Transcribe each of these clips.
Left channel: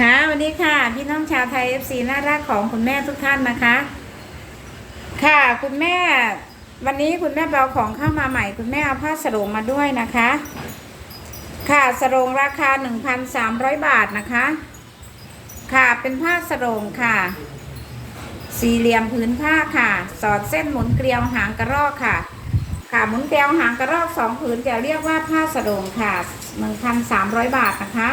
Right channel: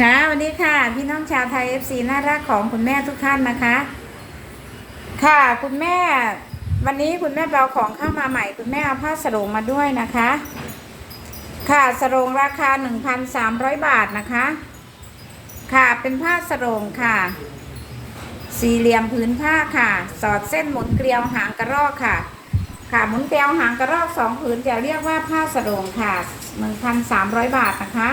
ค่ะวันนี้ค่ะ พี่น้องชาวไทย FC น่ารักของคุณแม่ทุกท่านนะคะ ค่ะคุณแม่ วันนี้คุณแม่เบาของเข้ามาใหม่ คุณแม่เอาผ้าสรงมาด้วยนะคะ ค่ะสรงราคา1,300บาทนะคะ ค่ะเป็นผ้าสรงค่ะ สี่เหลี่ยมผืนผ้าค่ะ สอดเส้นหมุนเกลียวหางกระรอกค่ะ ค่ะหมุนเกลียวหางกระรอกสองผืนจะเรียกว่าผ้าสรงค่ะ1,300บาทนะคะ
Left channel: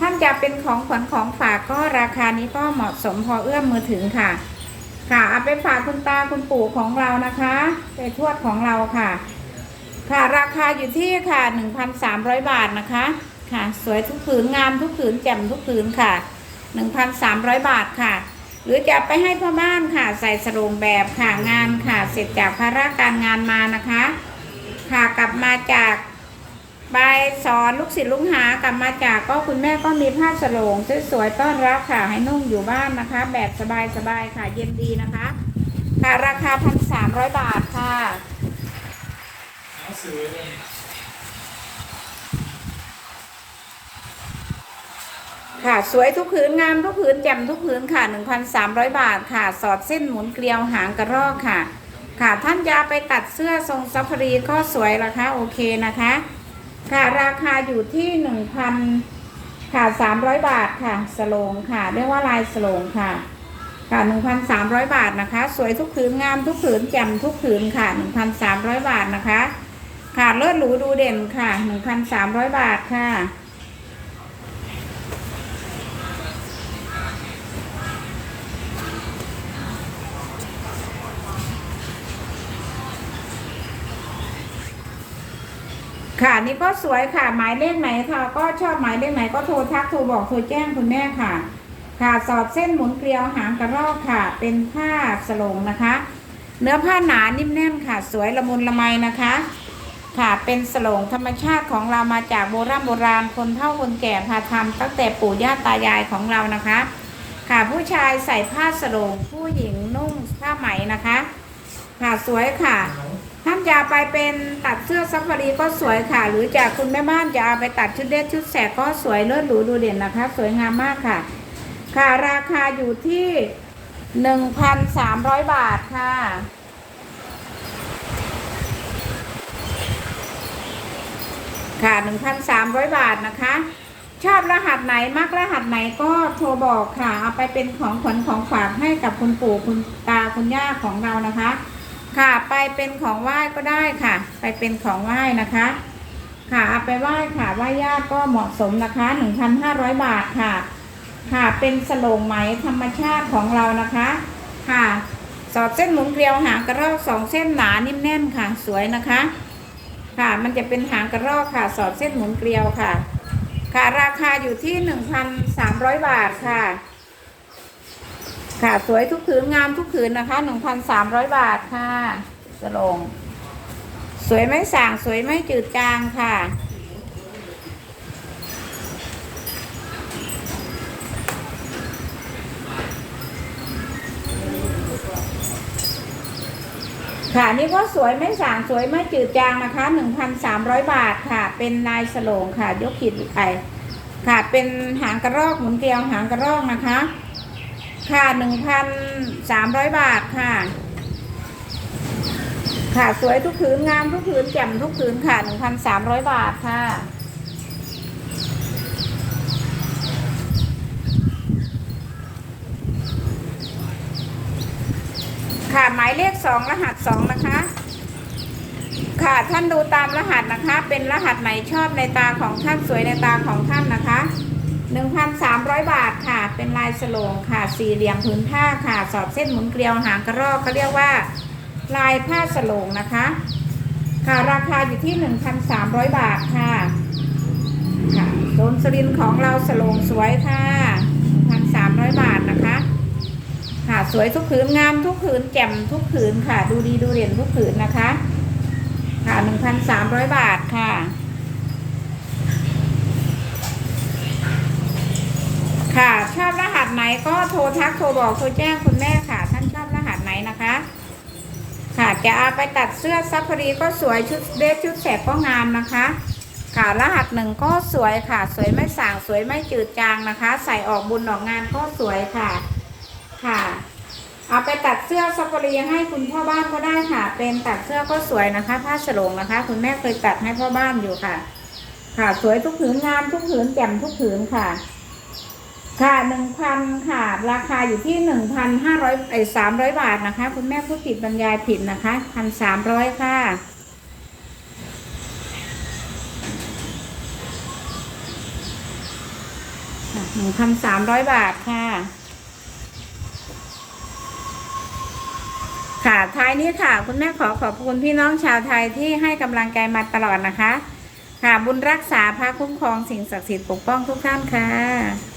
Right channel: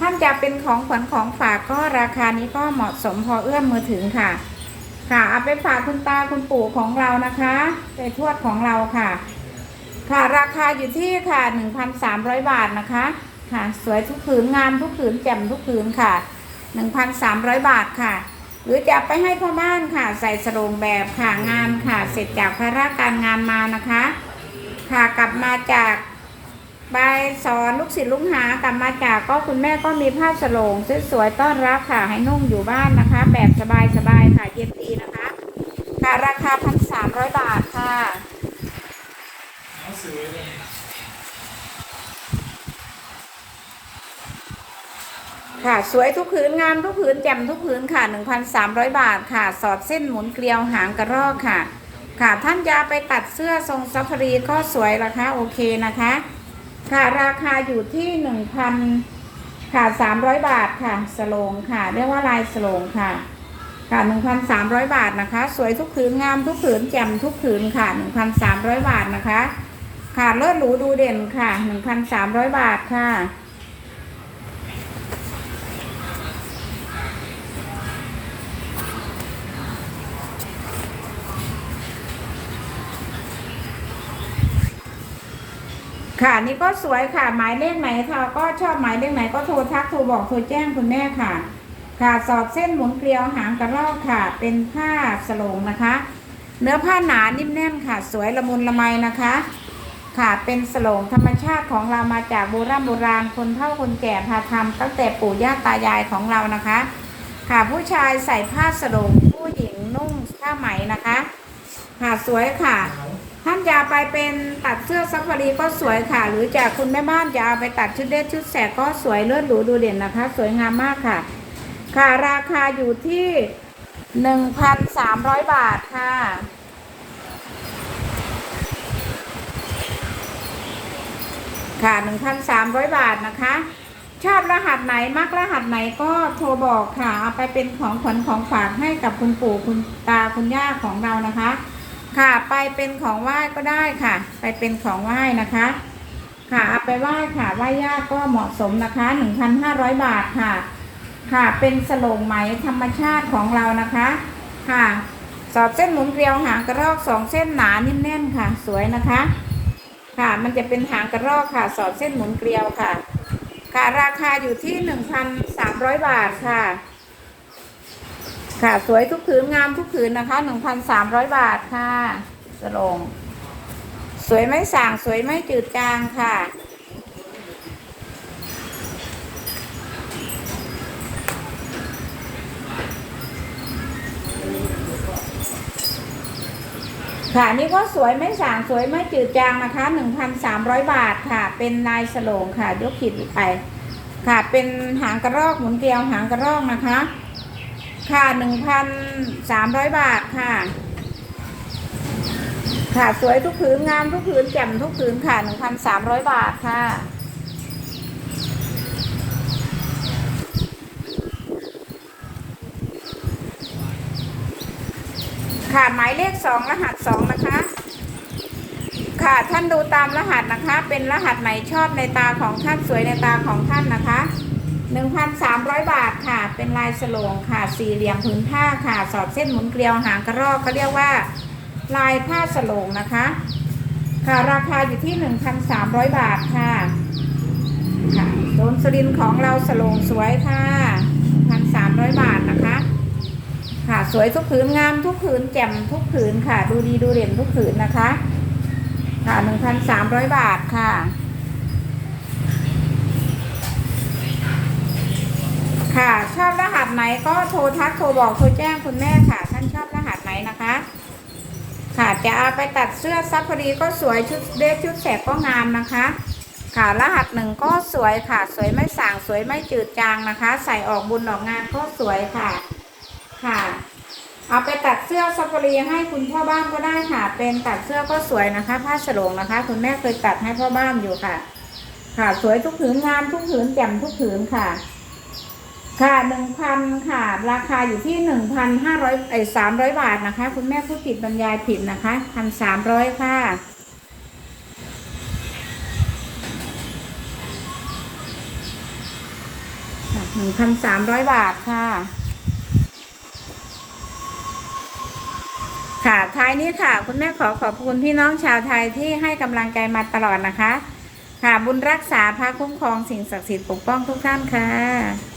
ท่านจะเป็นของขวัญของฝากก็ราคานี้ก็เหมาะสมพอเอื้อมมือถึงค่ะ ค่ะเอาไปฝากคุณตาคุณปู่ของเรานะคะ ไปทวดของเราค่ะ ค่ะราคาอยู่ที่ค่ะ1,300 บาทนะคะ ค่ะ สวยทุกผืนงามทุกผืนแจ่มทุกผืนค่ะ 1,300 บาทค่ะ หรือจะไปให้พ่อบ้านค่ะ ใส่สรงแบบค่ะงานค่ะ เสร็จจากภาระการงานมานะคะ ค่ะกลับมาจาก บายสอนลูกศิษย์ลูกหากลับมาจากก็คุณแม่ก็มีผ้าฉลงสวยๆต้อนรับค่ะให้นุ่งอยู่บ้านนะคะ แบบสบายๆค่ะเย็นดีนะคะค่ะราคาพันสามร้อยบาทค่ะหนังสือค่ะสวยทุกผืนงามทุกผืนแจ่มทุกผืนค่ะ1,300บาทค่ะ สอดเส้นหมุนเกลียวหางกระรอกค่ะ ค่ะท่านยาไปตัดเสื้อทรงซัฟารีก็สวยราคาโอเคนะคะ ค่ะราคาอยู่ที่หนึ่งพันค่ะสามร้อยบาทค่ะสโลงค่ะเรียกว่าลายสโลงค่ะ ค่ะหนึ่งพันสามร้อยบาทนะคะ สวยทุกผืนงามทุกผืนแจ่มทุกผืนค่ะหนึ่งพันสามร้อยบาทนะคะ ค่ะเลิศหรูดูเด่นค่ะหนึ่งพันสามร้อยบาทค่ะ ค่ะนี่ก็สวยค่ะ หมายเลขไหนค่ะ ก็ชอบหมายเลขไหนก็โทรทักโทรบอกโทรแจ้งคุณแม่ค่ะ ค่ะสอดเส้นหมุนเกลียวหางกระรอกค่ะ เป็นผ้าสลงนะคะ เนื้อผ้าหนานิ่มแน่นค่ะ สวยละมุนละไมนะคะ ค่ะเป็นสลงธรรมชาติของเรามาจากโบราณโบราณคนเฒ่าคนแก่พาทำตั้งแต่ปู่ย่าตายายของเรานะคะ ค่ะผู้ชายใส่ผ้าสลงผู้หญิงนุ่งผ้าไหมนะคะ ค่ะสวยค่ะ ท่านจะเอาไปเป็นตัดเสื้อซัฟฟารีก็สวยค่ะ หรือจากคุณแม่บ้านจะเอาไปตัดชุดเล็กชุดแสกก็สวยเลิศหรูดูเด่นนะคะ สวยงามมากค่ะ ค่ะราคาอยู่ที่หนึ่งพันสามร้อยบาทค่ะ ค่ะหนึ่งพันสามร้อยบาทนะคะ ชอบรหัสไหนมักรหัสไหนก็โทรบอกค่ะ เอาไปเป็นของขวัญของฝากให้กับคุณปู่คุณตาคุณย่าของเรานะคะ ค่ะไปเป็นของไหว้ก็ได้ค่ะ ไปเป็นของไหว้นะคะ ค่ะเอาไปไหว้ค่ะไหว้ญาติก็เหมาะสมนะคะหนึ่งพันห้าร้อยบาทค่ะ ค่ะเป็นสโลงไหมธรรมชาติของเรานะคะ ค่ะสอดเส้นหมุนเกลียวหางกระรอกสองเส้นหนานิ่มแน่นค่ะ สวยนะคะ ค่ะมันจะเป็นหางกระรอกค่ะ สอดเส้นหมุนเกลียวค่ะ ค่ะราคาอยู่ที่หนึ่งพันสามร้อยบาทค่ะ ค่ะสวยทุกผืนงามทุกผืนนะคะหนึ่งพันสามร้อยบาทค่ะสโลงสวยไม่ส่าง สวยไม่จืดจางค่ะ ค่ะนี่ก็สวยไม่สาง สวยไม่จืดจางนะคะ1,300บาทค่ะ เป็นลายสโลงค่ะยกขีดไปค่ะเป็นหางกระรอกหมุนเกลียวหางกระรอกนะคะ ค่ะ1,300บาทค่ะ ค่ะสวยทุกผืนงามทุกผืนแจ่มทุกผืนค่ะ1,300บาทค่ะ ค่ะหมายเลขสองรหัสสองนะคะค่ะท่านดูตามรหัสนะคะ เป็นรหัสไหนชอบในตาของท่านสวยในตาของท่านนะคะ 1,300 บาทค่ะ เป็นลายสโลงค่ะ สี่เหลี่ยมผืนผ้าค่ะ สอดเส้นหมุนเกลียวหางกระรอกเขาเรียกว่า ลายผ้าสโลงนะคะ ค่ะ ราคาอยู่ที่ 1,300 บาทค่ะค่ะโดนสลินของเราสโลงสวยค่ะ1,300 บาทนะคะ ค่ะ สวยทุกผืนงามทุกผืนแจ่มทุกผืนค่ะ ดูดีดูเด่นทุกผืนนะคะ ค่ะ 1,300 บาทค่ะ ค่ะ ชอบรหัสไหนก็โทรทักโทรบอกโทรแจ้งคุณแม่ค่ะ ท่านชอบรหัสไหนนะคะ ค่ะจะเอาไปตัดเสื้อซัฟฟารีก็สวยชุดเดรสชุดแสกก็งามนะคะ ค่ะรหัสหนึ่งก็สวยค่ะ สวยไม่สางสวยไม่จืดจางนะคะ ใส่ออกบุญออกงานก็สวยค่ะ ค่ะ เอาไปตัดเสื้อซัฟฟารีให้คุณพ่อบ้านก็ได้ค่ะ เป็นตัดเสื้อก็สวยนะคะผ้าสโลงนะคะ คุณแม่เคยตัดให้พ่อบ้านอยู่ค่ะ ค่ะ สวยทุกผืนงานทุกผืนแจ่มทุกผืนค่ะ ค่ะหนึ่งพันค่ะ ราคาอยู่ที่หนึ่งพันห้าร้อยเอ้สามร้อยบาทนะคะ คุณแม่ผู้ผิดบรรยายผิดนะคะพันสามร้อยค่ะหนึ่งพันสามร้อยบาทค่ะ ค่ะท้ายนี้ค่ะ คุณแม่ขอขอบคุณพี่น้องชาวไทยที่ให้กำลังใจมาตลอดนะคะ ค่ะบุญรักษาพระคุ้มครองสิ่งศักดิ์สิทธิ์ปกป้องทุกท่านค่ะ